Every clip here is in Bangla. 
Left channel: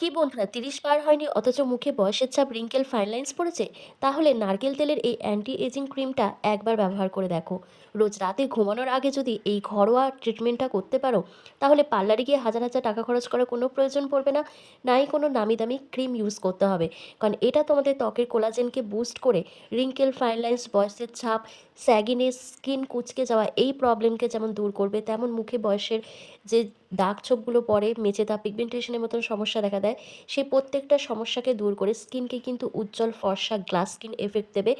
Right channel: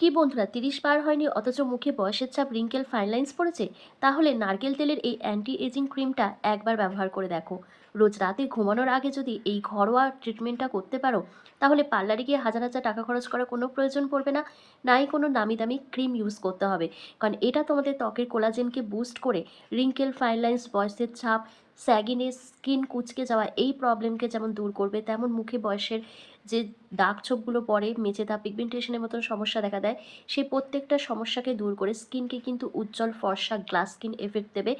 কি বন্ধুরা ৩০ পার হয়নি অথচ মুখে বয়সের ছাপ রিঙ্কেল ফাইন লাইন্স পড়েছে? তাহলে নারকেল তেলের এই অ্যান্টি এজিং ক্রিমটা একবার ব্যবহার করে দেখো। রোজ রাতে ঘুমানোর আগে যদি এই ঘরোয়া ট্রিটমেন্টটা করতে পারো, তাহলে পার্লারে গিয়ে হাজার হাজার টাকা খরচ করার কোনো প্রয়োজন পড়বে না। নাই কোনো নামি দামি ক্রিম ইউজ করতে হবে। কারণ এটা তোমাদের ত্বকের কোলাজেনকে বুস্ট করে রিঙ্কেল ফাইন লাইন্স, বয়সের ছাপ, স্যাগিনেস, স্কিন কুঁচকে যাওয়া এই প্রবলেমকে যেমন দূর করবে, তেমন মুখে বয়সের যে দাগ ছোপগুলো পড়ে, মেচেদা, পিগমেন্টেশনের মতন সমস্যা দেখা দেয়, সেই প্রত্যেকটা সমস্যাকে দূর করে স্কিনকে কিন্তু উজ্জ্বল ফর্সা গ্লাস স্কিন এফেক্ট দেবে।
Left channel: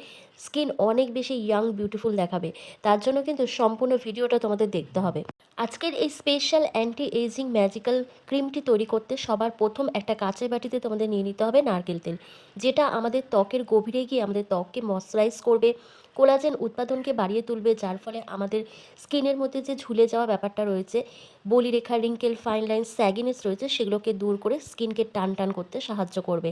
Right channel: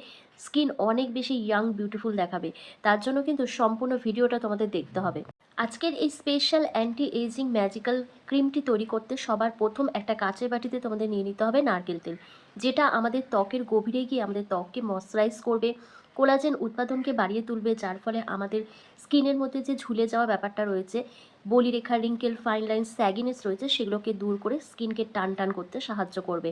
স্কিন অনেক বেশি ইয়াং বিউটিফুল দেখাবে। তার জন্য কিন্তু সম্পূর্ণ ভিডিওটা তোমাদের দেখতে হবে। আজকের এই স্পেশাল অ্যান্টি এজিং ম্যাজিক্যাল ক্রিমটি তৈরি করতে সবার প্রথম একটা কাঁচের বাটিতে তোমাদের নিয়ে নিতে হবে নারকেল তেল, যেটা আমাদের ত্বকের গভীরে গিয়ে আমাদের ত্বককে ময়শ্চারাইজ করবে, কোলাজেন উৎপাদনকে বাড়িয়ে তুলবে, যার ফলে আমাদের স্কিনের মধ্যে যে ঝুলে যাওয়া ব্যাপারটা রয়েছে, বলিরেখা, রিঙ্কেল, ফাইন লাইন, স্যাগিনেস রয়েছে, সেগুলোকে দূর করে স্কিনকে টান টান করতে সাহায্য করবে।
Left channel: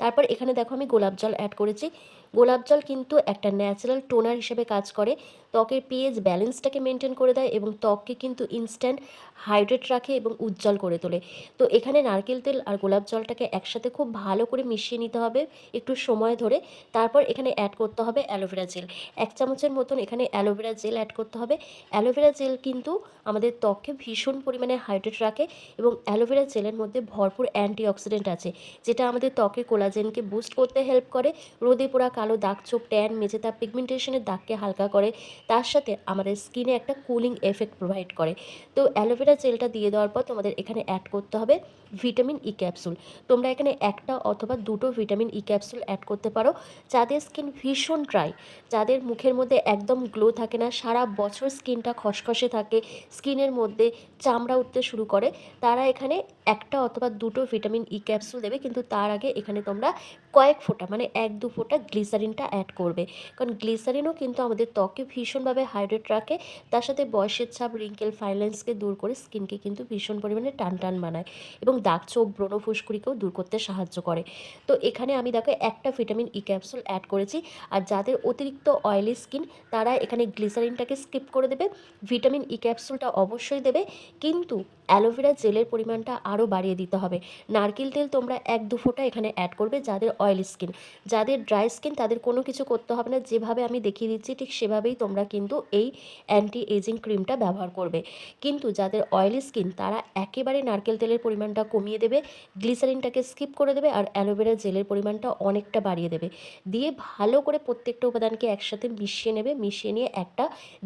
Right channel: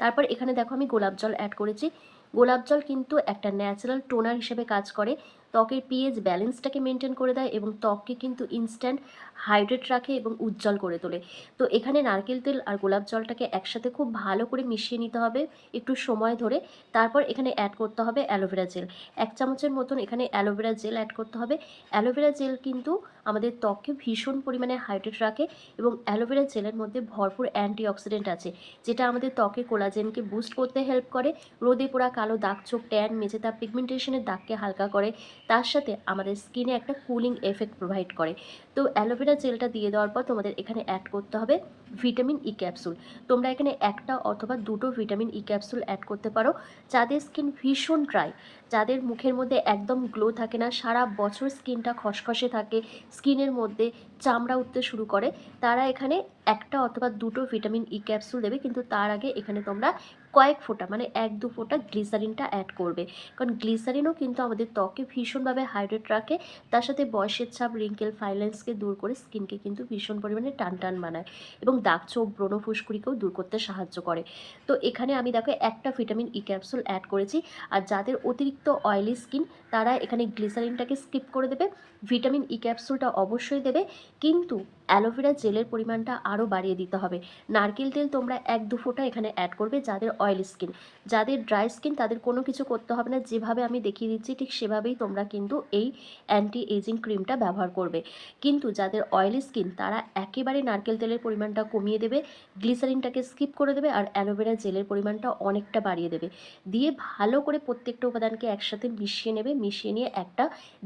তারপর এখানে দেখো আমি গোলাপ জল অ্যাড করেছি। গোলাপ জল কিন্তু একটা ন্যাচারাল টোনার হিসেবে কাজ করে, ত্বকের পিএইচ ব্যালেন্সটাকে মেনটেন করে দেয় এবং ত্বককে কিন্তু ইনস্ট্যান্ট হাইড্রেট রাখে এবং উজ্জ্বল করে তোলে। তো এখানে নারকেল তেল আর গোলাপ জলটাকে একসাথে খুব ভালো করে মিশিয়ে নিতে হবে একটু সময় ধরে। তারপর এখানে অ্যাড করতে হবে অ্যালোভেরা জেল। ১ চামচের মতন এখানে অ্যালোভেরা জেল অ্যাড করতে হবে। অ্যালোভেরা জেল কিন্তু আমাদের ত্বককে ভীষণ পরিমাণে হাইড্রেট রাখে এবং অ্যালোভেরা জেলের মধ্যে ভরপুর অ্যান্টিঅক্সিডেন্ট আছে, যেটা আমাদের ত্বকের কোলাজেনকে বুস্ট করতে হেল্প করে, রোদে পোড়া কালো দাগ ছোপ, ট্যান, মেচেদা, পিগমেন্টেশনের দাগকে হালকা করে, তার সাথে আমাদের স্কিনে একটা কুলিং এফেক্ট প্রোভাইড করে। তো অ্যালোভেরা জেলটা দিয়ে দেওয়ার পর তোমাদের এখানে অ্যাড করতে হবে ভিটামিন ই ক্যাপসুল। তোমরা এখানে একটা অথবা দুটো ভিটামিন ই ক্যাপসুল অ্যাড করতে পারো। যাদের স্কিন ভীষণ ড্রাই, যাদের মুখের মধ্যে একদম গ্লো থাকে না, সারা বছর স্কিনটা খসখসে থাকে, স্কিনের মধ্যে চামড়া উঠতে শুরু করে, তারা এখানে একটা অথবা দুটো ভিটামিন ই ক্যাপসুল দেবে। কিন্তু তার আগে এখানে তোমরা কয়েক ফোঁটা, মানে ১-২ ফোঁটা গ্লিসারিনটা অ্যাড করবে। কারণ গ্লিসারিনও কিন্তু আমাদের ত্বককে ভীষণভাবে হাইড্রেট রাখে, তার সাথে বয়সের ছাপ, রিঙ্কেল, ফাইন লাইন্সকে দূর করে স্কিনকে কিন্তু ভীষণ পরিমাণে টান টান বানায় এবং দাগ ছোপ, ব্রণ, ফুসকুড়িকেও দূর করতে সাহায্য করে। তো এখানে আমি দেখো একটা ভিটামিন ই ক্যাপসুল অ্যাড করেছি। আর যাদের অতিরিক্ত অয়েলি স্কিন, তারা এখানে গ্লিসারিনটাকে স্কিপ করে দেবে, ভিটামিন ই ক্যাপসুলটা অবশ্যই দেবে, কিন্তু অ্যালোভেরা জেলের পরিমাণটা আরও বাড়িয়ে দিতে হবে। নারকেল তেল তোমরা ১-২ ফোঁটা এখানে অ্যাড করবে। যাদের অয়েলি স্কিন, যাদের ড্রাই স্কিন, তাদের কোনো কিছু করতে হবে না, যেভাবে আমি দেখিয়ে দিচ্ছি ঠিক সেভাবেই তোমরা কিন্তু এই অ্যান্টি এজিং ক্রিমটা ব্যবহার করবে। কিন্তু যাদের অয়েলি স্কিন, তারা একেবারে নারকেল তেলের পরিমাণটা কমিয়ে দেবে, গ্লিসারিনটাকে স্কিপ করে দেবে আর অ্যালোভেরা জেলের পরিমাণটা অনেকটা বাড়িয়ে দেবে। দিয়ে ভালো করে প্রত্যেকটা উপাদানকে একসাথে মিশিয়ে নেবে। মিশিয়ে নিয়ে একটা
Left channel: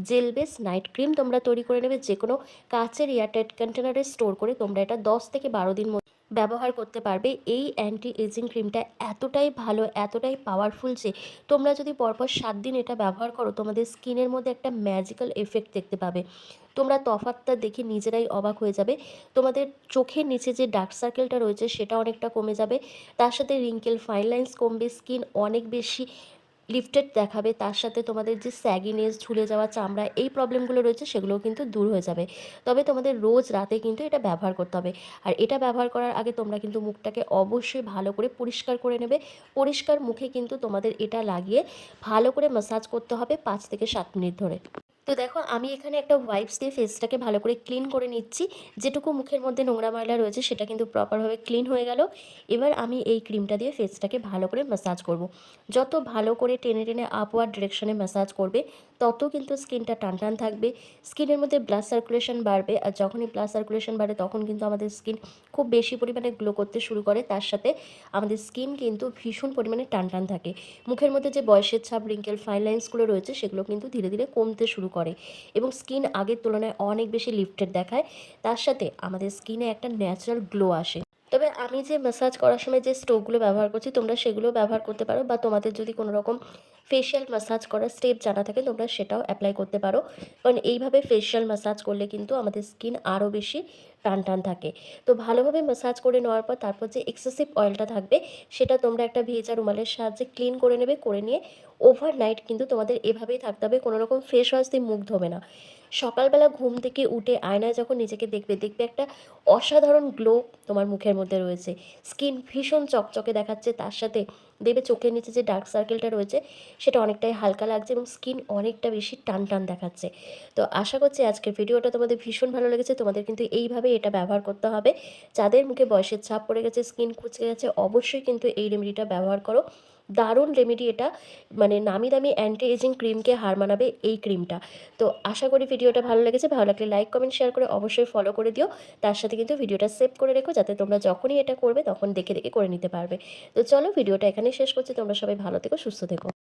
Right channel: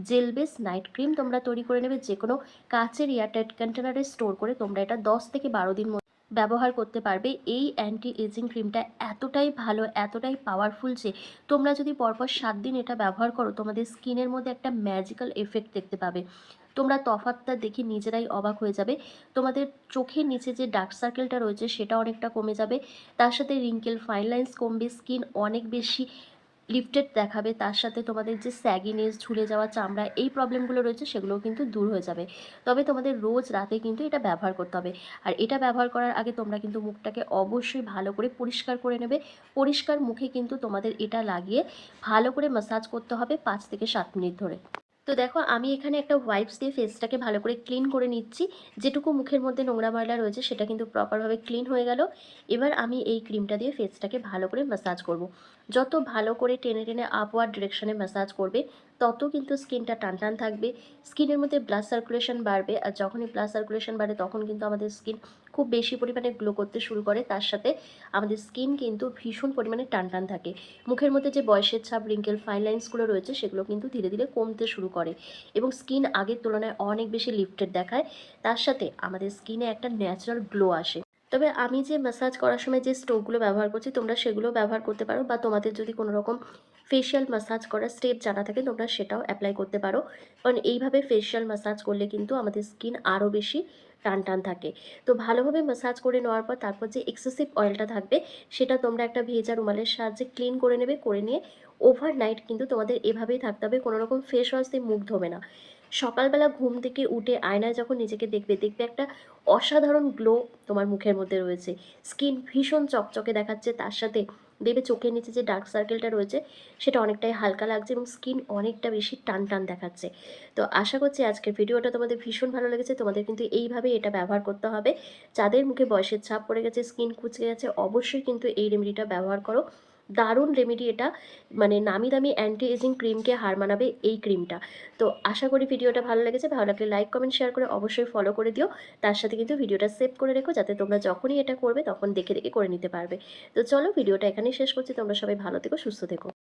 জেল বেস নাইট ক্রিম তোমরা তৈরি করে নেবে। যে কোনো কাচের এয়ারটাইট কন্টেনারে স্টোর করে তোমরা এটা ১০ থেকে ১২ দিন ব্যবহার করতে পারবে। এই অ্যান্টি এজিং ক্রিমটা এতটাই ভালো, এতটাই পাওয়ারফুল যে তোমরা যদি পরপর ৭ দিন এটা ব্যবহার করো, তোমাদের স্কিনের মধ্যে একটা ম্যাজিক্যাল এফেক্ট দেখতে পাবে। তোমরা তফাৎটা দেখে নিজেরাই অবাক হয়ে যাবে। তোমাদের চোখের নিচে যে ডার্ক সার্কেলটা রয়েছে সেটা অনেকটা কমে যাবে। তার সাথে রিঙ্কেল, ফাইন লাইন্স কমবে, স্কিন অনেক বেশি লিফটেড দেখাবে। তার সাথে তোমাদের যে স্যাগিনেস, ঝুলে যাওয়া চামড়া, এই প্রবলেমগুলো রয়েছে সেগুলোও কিন্তু দূর হয়ে যাবে। তবে তোমাদের রোজ রাতে কিন্তু এটা ব্যবহার করতে হবে। আর এটা ব্যবহার করার আগে তোমরা কিন্তু মুখটাকে অবশ্যই ভালো করে পরিষ্কার করে নেবে। পরিষ্কার মুখে কিন্তু তোমাদের এটা লাগিয়ে ভালো করে ম্যাসাজ করতে হবে ৫ থেকে ৭ মিনিট ধরে। তো দেখো আমি এখানে একটা ওয়াইপস দিয়ে ফেসটাকে ভালো করে ক্লিন করে নিচ্ছি। যেটুকু মুখের মধ্যে নোংরা ময়লা রয়েছে সেটা কিন্তু প্রপারভাবে ক্লিন হয়ে গেল। এবার আমি এই ক্রিমটা দিয়ে ফেসটাকে ভালো করে ম্যাসাজ করব। যত ভালো করে টেনে টেনে আপওয়ার্ড ডিরেকশনে ম্যাসাজ করবে, তত কিন্তু স্কিনটা টান টান থাকবে, স্কিনের মধ্যে ব্লাড সার্কুলেশন বাড়বে। আর যখনই ব্লাড সার্কুলেশন বাড়ে তখন কিন্তু আমাদের স্কিন খুব বেশি পরিমাণে গ্লো করতে শুরু করে। তার সাথে আমাদের স্কিন কিন্তু ভীষণ পরিমাণে টান টান থাকে। মুখের মধ্যে যে বয়সের ছাপ, রিঙ্কেল, ফাইন লাইন্সগুলো রয়েছে সেগুলো কিন্তু ধীরে ধীরে কমতে শুরু করে এবং স্কিন আগের তুলনায় অনেক বেশি লিফটেড দেখায়। তার সাথে আমাদের স্কিনে একটা ন্যাচারাল গ্লো আসে। তবে আমি যে ম্যাসাজ করার সময় যে স্টোভগুলো ব্যবহার করছি, তোমরা সেগুলো ব্যবহার করতে পারো, বা তোমাদের যদি কোনো রকম ফেশিয়াল ম্যাসাজ করার স্টেপ জানা থাকে তোমরা সেটাও অ্যাপ্লাই করতে পারো। কারণ এইভাবে ফেশিয়াল ম্যাসাজ করলে কিন্তু আমাদের স্কিন আরও বেশি টান টান থাকে। তো ভালোভাবে ম্যাসাজ করে নেওয়ার পর তারপর যে এক্সেসিভ অয়েলটা থাকবে সেটা তোমরা একটা ভেজা রুমালের সাহায্যে ক্লিন করে নেবে। করে নিয়ে ওভারনাইট কিন্তু তোমাদের এভাবেই থাকতে হবে, কোনো রকম ফেস ওয়াশ দিয়ে মুখ ধোবে না। সকালবেলা ঘুম থেকে উঠে আয়নায় যখন নিজেকে দেখবে, দেখবে একটা অসাধারণ গ্লো তোমার মুখের মধ্যে রয়েছে, স্কিন ভীষণ চকচকে দেখাচ্ছে, তার সাথে দেখবে চোখের নিচে যে ডার্ক সার্কেলটা রয়েছে সেটা অনেকটাই হালকা লাগছে এবং স্কিন অনেকটা বেশি টান, টান দেখাচ্ছে। তো আশা করছি আজকের ভিডিওটা তোমাদের ভীষণ ভালো লেগেছে। তোমাদের কিন্তু এইভাবে এটা ব্যবহার করতে হবে। যাদের মুখে বয়সের ছাপ পড়ে গেছে, স্কিন কুঁচকে গেছে, অবশ্যই কিন্তু এই রেমেডিটা ব্যবহার করো। দারুণ রেমেডি এটা। মানে নামি দামি অ্যান্টি এজিং ক্রিমকে হার মানাবে এই ক্রিমটা। তো আশা করি ভিডিওটা ভালো লেগেছে। ভালো লাগলে লাইক, কমেন্ট, শেয়ার করে অবশ্যই ফলো করে দিও। তার সাথে কিন্তু ভিডিওটা সেভ করে রেখো যাতে তোমরা যখনই এটা করবে তখন দেখে, দেখে করে নিতে পারবে। তো চলো ভিডিওটা এখানেই শেষ করছি। তোমরা সবাই ভালো থেকো, সুস্থ থেকো।